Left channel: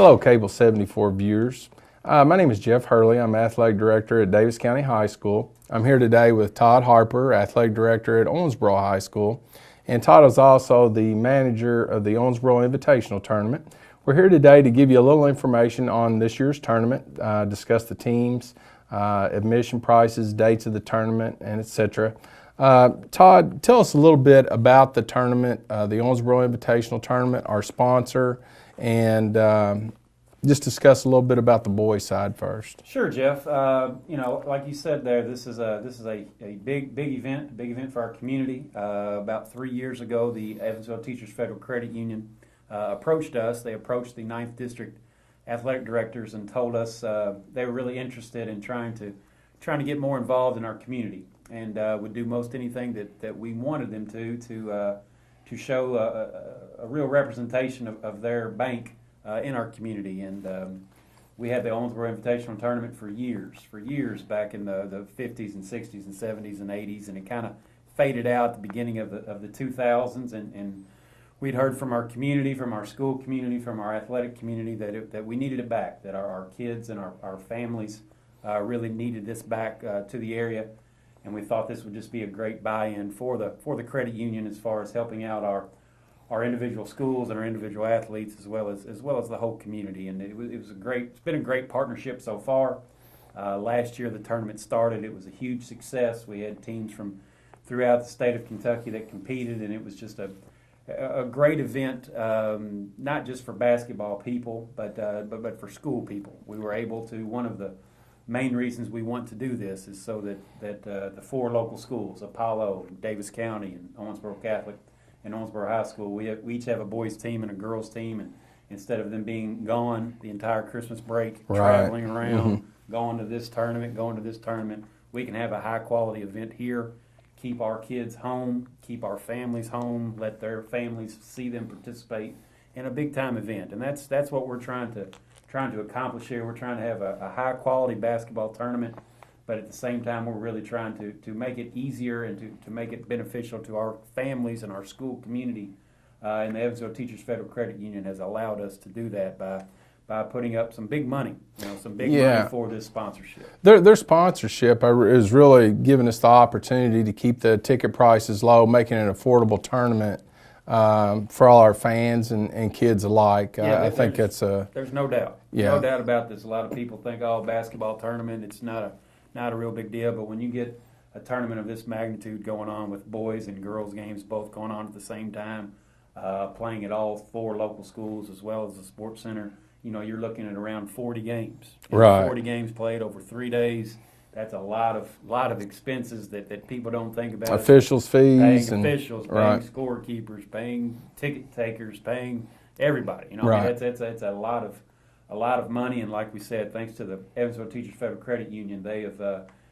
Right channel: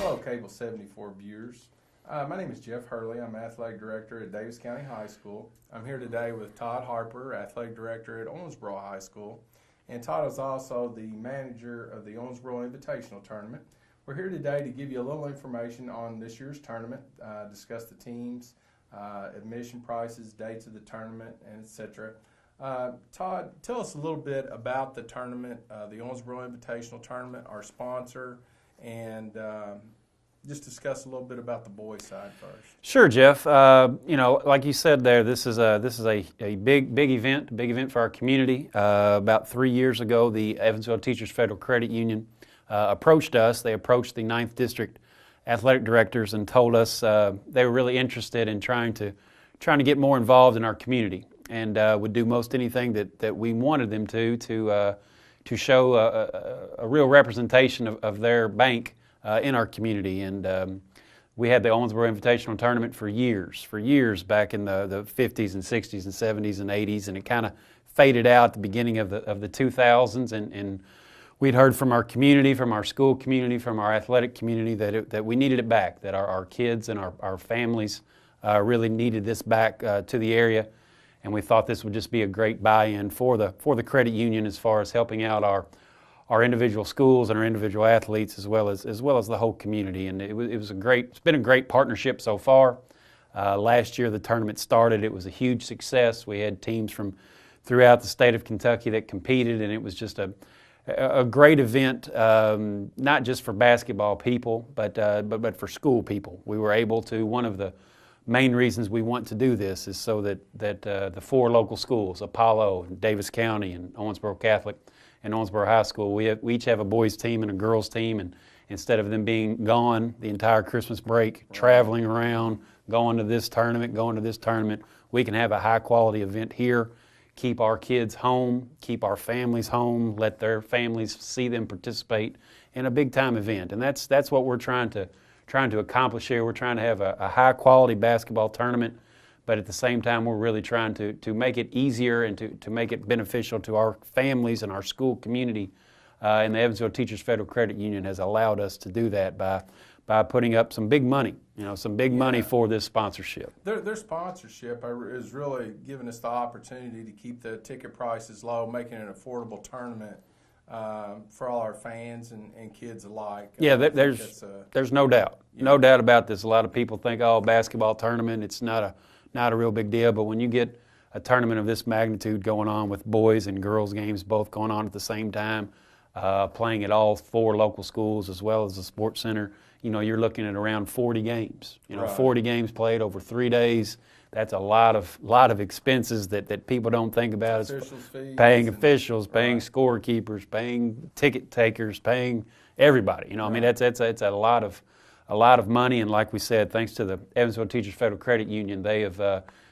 Hello, Cable 74 viewers. My name is Jeff Hurley. I'm Athletic Director at Davis County High School. I'm here today with Todd Harper, Athletic Director at Owensboro High School. And Todd is also the manager of the Owensboro Invitational Tournament. We're here today to give you a little information on this year's tournament, discuss the teams, admission prices, dates of the tournament, and etc. Todd, tell us a little bit about the tournament, the Owensboro Invitational Tournament, our sponsor, and just discuss a little bit about the boys' side first. Sure, Jeff. Like you said there, this is a big event for our community. About 3 years ago, the Owensboro Teachers Federal Credit Union approached us. They approached the 9th District athletic directors and told us they were really interested in trying to get more involved in our community, and would do most anything that we wanted them to show a real representation of their bank in our community. And we had the Owensboro Invitational Tournament for years back in the 50s and 60s and 70s and 80s, and it kind of faded out at the beginning of the 2000s, and we'd heard from our community, from our school community, from our athletic community that we needed it back, that our kids and our families really needed this back to the area. And we thought this would just be a great buy-in for the credit union as far as helping out our individual schools and our individual athletes as well as the whole community. And it's been a great partnership so far. Last year the tournament started. It was a huge success. We had teams from throughout the state of Kentucky that competed, and it was just a great event, not just for basketball people, but for school people. We were able to, one of the main reasons we want to do this is so that the 4 local schools, Apollo, Davis County, and Owensboro Catholic, and Owensboro High School, we each have a boys team and a girls team, and instead of them being gone the entire Christmas break, traveling around, going to this tournament, we can have a high quality event here, keep our kids home, keep our families home, let their families see them participate in a big time event. And that's what we're trying to accomplish here. We're trying to have a high quality basketball tournament, but at the same time we're really trying to make it easier and to make it beneficial to our families and our school community. And the Owensboro Teachers Federal Credit Union has allowed us to do that by putting up some big money, money for this sponsorship. Their sponsorship is really giving us the opportunity to keep the ticket prices low, making it an affordable tournament for all our fans and kids alike. There's no doubt. No doubt about this. A lot of people think, basketball tournament, it's not a real big deal, but when you get a tournament of this magnitude going on with boys and girls games both going on at the same time, playing at all 4 local schools as well as the sports center, you're looking at around 40 games. 40 games played over 3 days. That's a lot of expenses that people don't think about. Officials' fees. Paying officials, paying scorekeepers, paying ticket takers, paying everybody. That's a lot of money. And like we said, thanks to the Owensboro Teachers Federal Credit Union,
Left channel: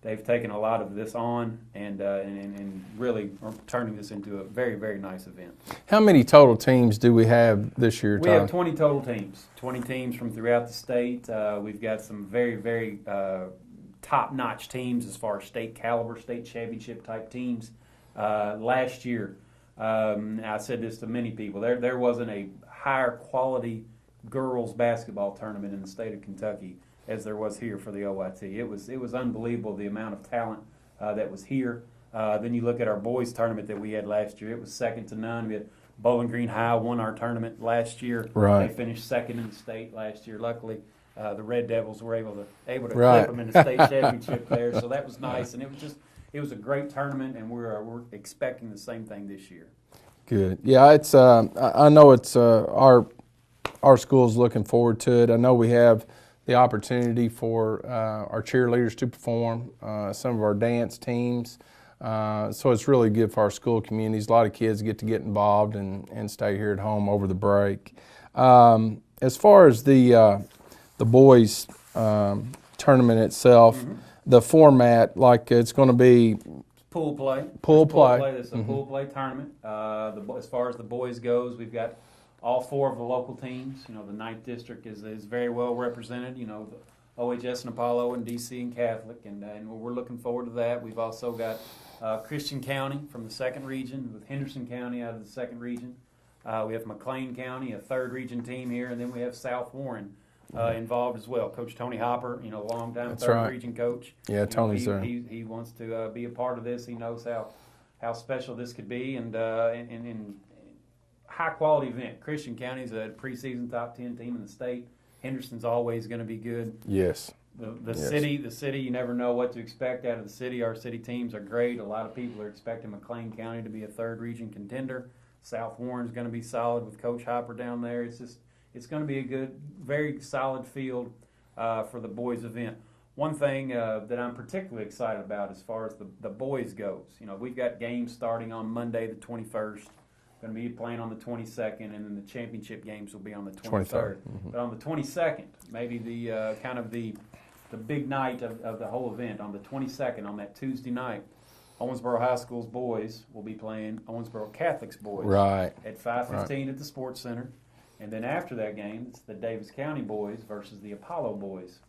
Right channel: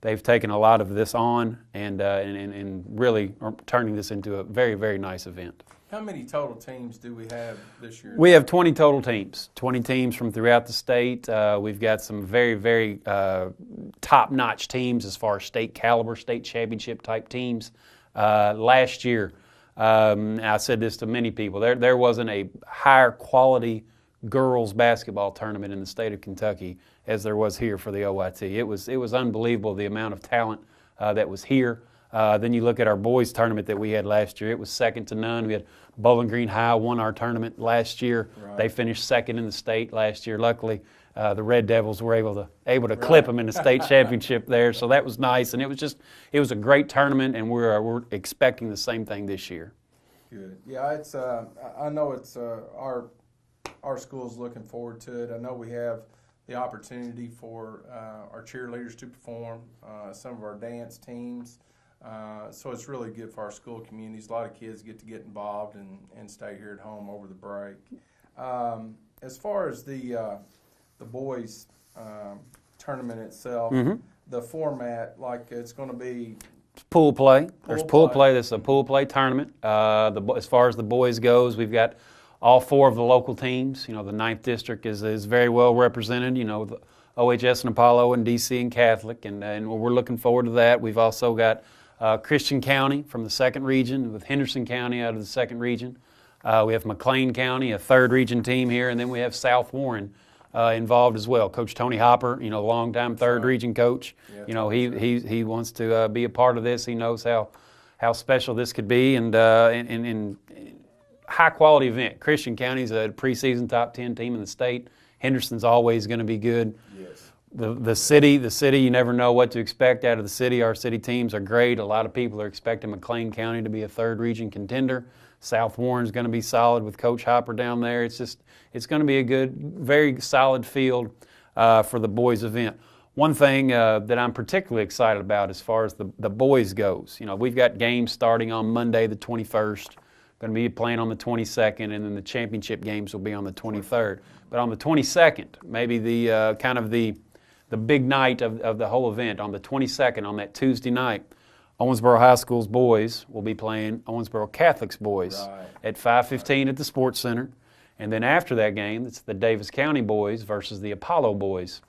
they've taken a lot of this on and really are turning this into a very, very nice event. How many total teams do we have this year? We have 20 total teams, 20 teams from throughout the state. We've got some very, very top-notch teams as far as state caliber, state championship type teams. Last year, I said this to many people, there wasn't a higher quality girls basketball tournament in the state of Kentucky as there was here for the OIT. It was unbelievable the amount of talent that was here. Then you look at our boys tournament that we had last year. It was second to none. We had Bowling Green High won our tournament last year. They finished second in the state last year. Luckily, the Red Devils were able to clip them in the state championship there. So that was nice, and it was a great tournament, and we're expecting the same thing this year. Good. Yeah, it's I know it's our school's looking forward to it. I know we have the opportunity for our cheerleaders to perform, some of our dance teams. So it's really good for our school communities. A lot of kids get involved and stay here at home over the break. As far as the boys tournament itself, the format, like it's going to be pool play. Pool play. This is a pool play tournament. As far as the boys goes, we've got all 4 of the local teams. The 9th District is very well represented. The OHS and Apollo and DC and Catholic, and we're looking forward to that. We've also got Christian County from the 2nd region with Henderson County out of the 2nd region. We have McLean County, a third region team here, and then we have South Warren involved as well. Coach Tony Hopper, longtime third region coach. Yeah, he wants to be a part of this. He knows how special this could be, and high quality event. Christian County's a preseason top 10 team in the state. Henderson's always going to be good. Yes. The city, you never know what to expect out of the city. Our city teams are great. A lot of people are expecting McLean County to be a third region contender. South Warren's going to be solid with Coach Hopper down there. It's going to be a good, very solid field for the boys event. One thing that I'm particularly excited about as far as the boys goes, we've got games starting on Monday the 21st. Going to be playing on the 22nd, and then the championship games will be on the 23rd. Mm-hmm. But on the 22nd, maybe the kind of the big night of the whole event, on the 22nd, on that Tuesday night, Owensboro High School's boys will be playing Owensboro Catholic's boys at 5:15 at the Sports Center. And then after that game, it's the Davis County boys versus the Apollo boys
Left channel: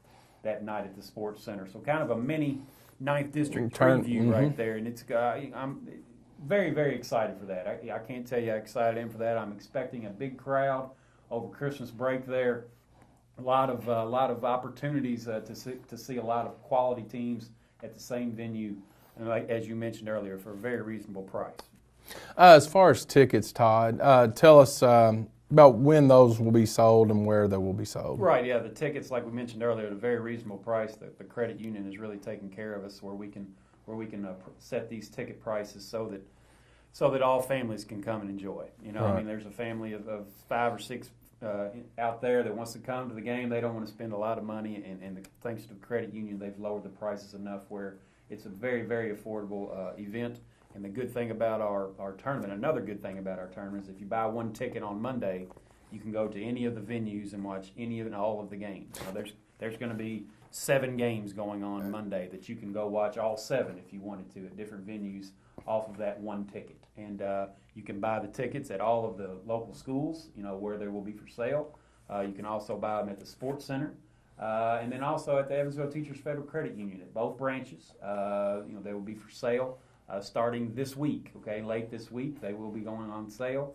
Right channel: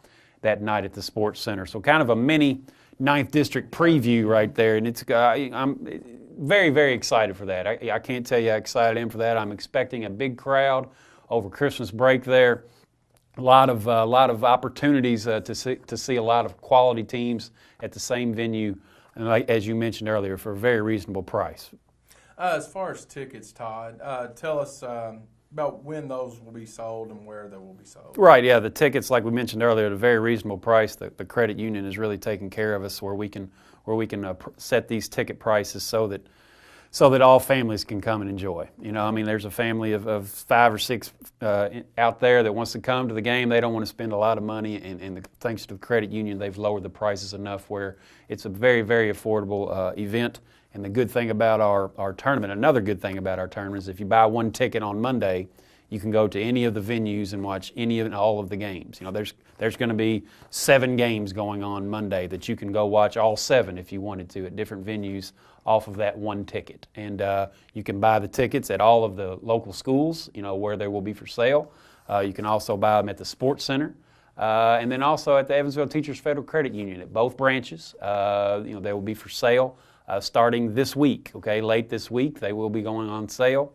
that night at the Sports Center. So kind of a mini 9th District preview right there. And it's I'm very, very excited for that. I can't tell you how excited I am for that. I'm expecting a big crowd over Christmas break there. A lot of opportunities to see a lot of quality teams at the same venue, as you mentioned earlier, for a very reasonable price. As far as tickets, Todd, tell us about when those will be sold and where they will be sold. Right, yeah, the tickets, like we mentioned earlier, at a very reasonable price. The credit union is really taking care of us where we can set these ticket prices so that all families can come and enjoy. I mean, there's a family of 5 or 6 out there that wants to come to the game. They don't want to spend a lot of money, and thanks to the credit union, they've lowered the prices enough where it's a very, very affordable event. And the good thing about our tournament, another good thing about our tournament, is if you buy one ticket on Monday, you can go to any of the venues and watch any and all of the games. There's going to be 7 games going on Monday that you can go watch all 7 if you wanted to at different venues off of that one ticket. And you can buy the tickets at all of the local schools, where they will be for sale. You can also buy them at the Sports Center. And then also at the Evansville Teachers Federal Credit Union at both branches. They will be for sale starting this week, late this week. They will be going on sale.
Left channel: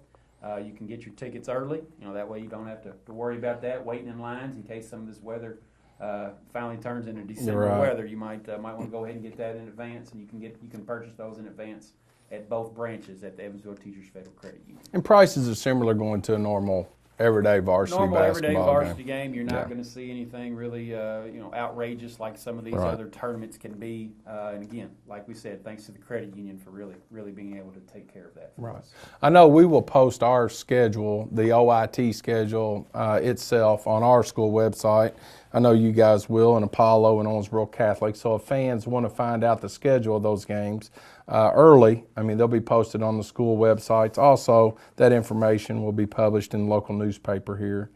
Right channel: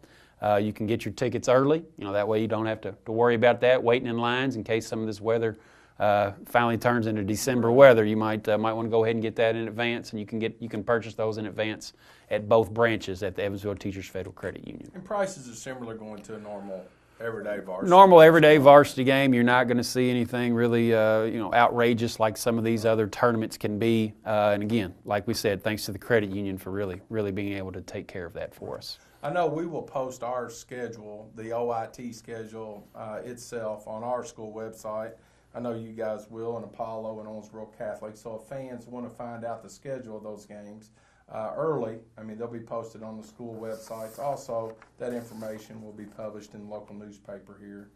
You can get your tickets early. That way you don't have to worry about that, waiting in lines in case some of this weather finally turns into December weather. You might want to go ahead and get that in advance, and you can purchase those in advance at both branches at the Evansville Teachers Federal Credit Union. And prices are similar going to a normal everyday varsity everyday varsity game. You're not going to see anything really outrageous like some of these other tournaments can be. And again, like we said, thanks to the credit union for really being able to take care of that for us. I know we will post our schedule, the OIT schedule itself, on our school website. I know you guys will, and Apollo and Owensboro Catholic. So if fans want to find out the schedule of those games early, they'll be posted on the school websites. Also, that information will be published in the local newspaper here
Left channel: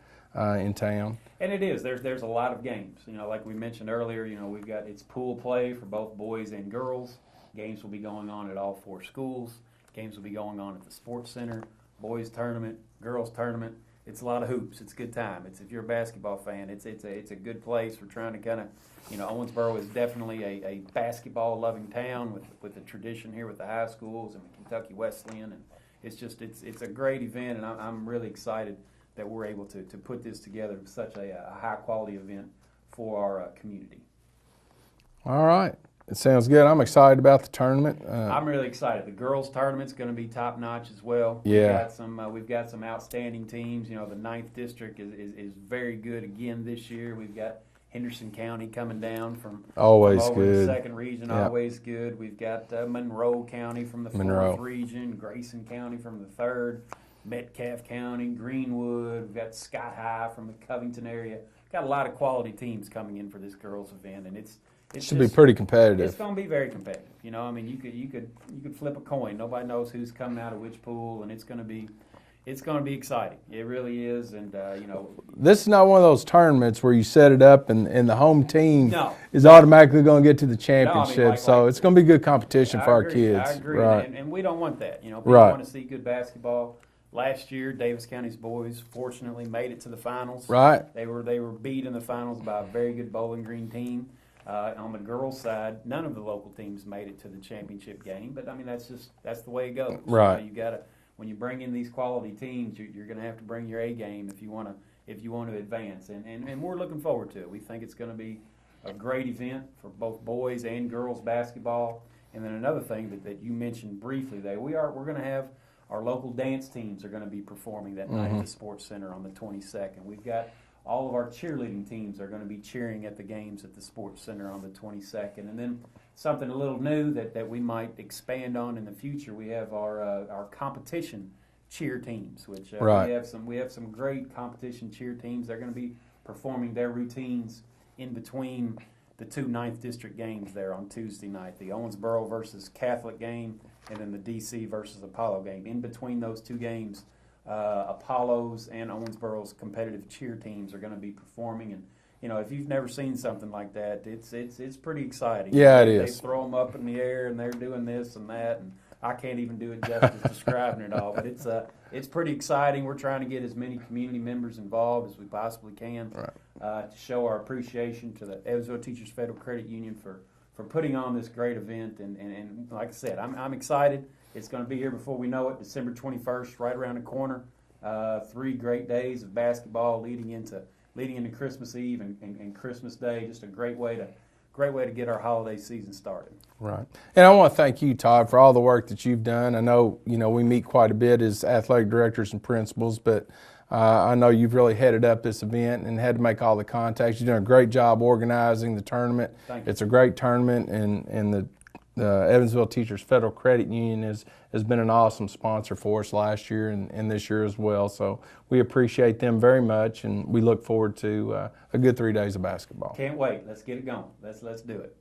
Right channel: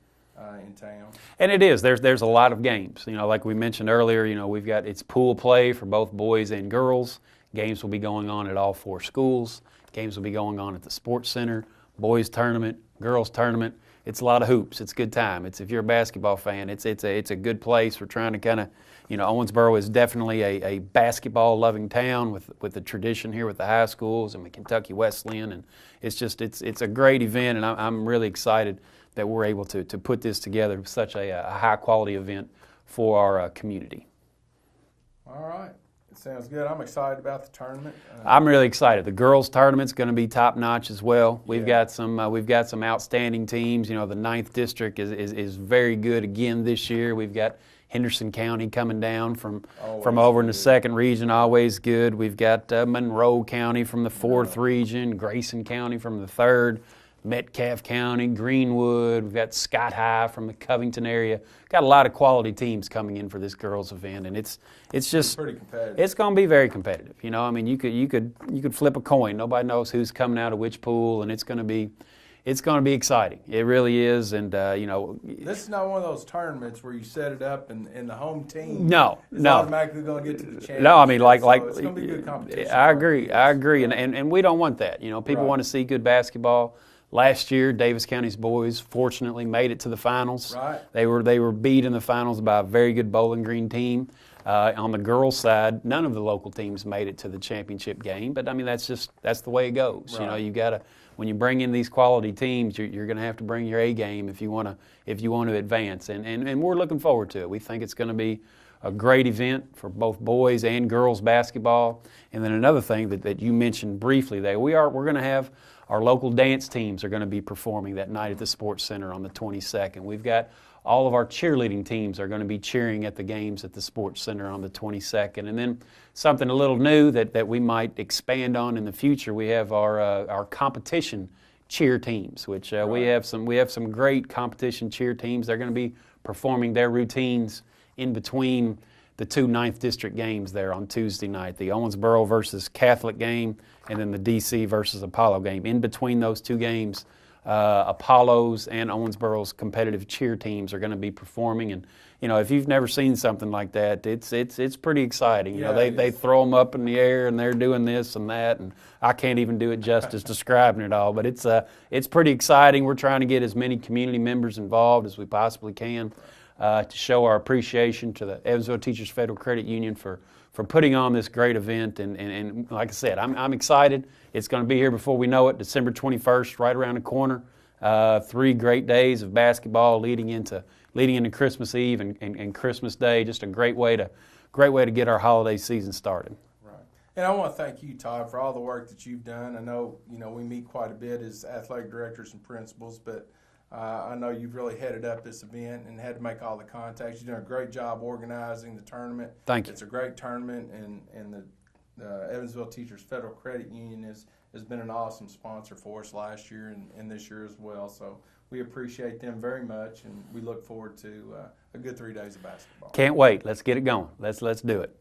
in town. And it is. There's a lot of games. Like we mentioned earlier, it's pool play for both boys and girls. Games will be going on at all 4 schools. Games will be going on at the Sports Center, boys tournament, girls tournament. It's a lot of hoops. It's a good time. If you're a basketball fan, it's a good place. We're trying to kind of, Owensboro is definitely a basketball-loving town with the tradition here with the high schools and the Kentucky Wesleyan, and it's a great event, and I'm really excited that we're able to put this together, such a high-quality event for our community. All right. It sounds good. I'm excited about the tournament. I'm really excited. The girls' tournament's going to be top-notch as well. We've got some outstanding teams. The 9th District is very good again this year. We've got Henderson County coming down from over in the 2nd region, always good. We've got Monroe County from the 4th region, Grayson County from the 3rd, Metcalfe County, Greenwood. We've got Scott High from the Covington area. Got a lot of quality teams coming in for this girls' event, and it's just pretty competitive. It's going to be very competitive. You could flip a coin. Nobody knows who's coming out of which pool, and it's going to be exciting. It really is, and this is not one of those tournaments where you set it up and the home team is no. automatically going to get to the championship. No, so it's going to be good competition for our kids. I agree, right. and we don't want that. People want to see good basketball. Last year, Davis County's boys fortunately made it to the finals. Right. They were beat in the finals by a very good Bowling Green team. On the girls' side, none of the local teams made it to the championship game, but that's the way it goes. Right. You got to when you bring in these quality teams, you're going to have to bring your A game if you want to advance. And we're looking forward to it. We think it's going to be a great event for both boys and girls basketball. And then another thing that you mentioned briefly there, we're going to have our local dance teams are going to be performing that night at the Sports Center on the 22nd. We've got all of our cheerleading teams are going to be cheering at the games at the Sports Center on the 22nd. And then something a little new that we might expand on in the future, we have our competition cheer teams, which Right. we have some great competition cheer teams. They're going to be performing their routines in between the two 9th District games there on Tuesday night, the Owensboro versus Catholic game, and then the DC versus Apollo game. In between those two games, Apollo's and Owensboro's competitive cheer teams are going to be performing. And if you've never seen something like that, it's pretty exciting. Yeah, They throw them up in the air and they're doing this and that, and I can't even do it justice describing it all. But it's pretty exciting. We're trying to get as many community members involved as we possibly can to show our appreciation to the Evansville Teachers Federal Credit Union for putting on this great event. And like I said, I'm excited. It's going to be here before we know it, December 21st, right around the corner. 3 great days of basketball leading into Christmas Eve and Christmas Day. Just a great way to get our holiday season started. Right. And I want to thank you, Todd, for all the work that you've done. I know, we meet quite a bit as athletic directors and principals, but I know you've really headed up this event and had to make all the contacts. You've done a great job organizing the tournament. Thank you. It's a great tournament, and the Evansville Teachers Federal Credit Union has been an awesome sponsor for us last year and this year as well. So we appreciate them very much, and we look forward to a good 3 days of basketball. Can't wait. Let's get it going. Let's do it.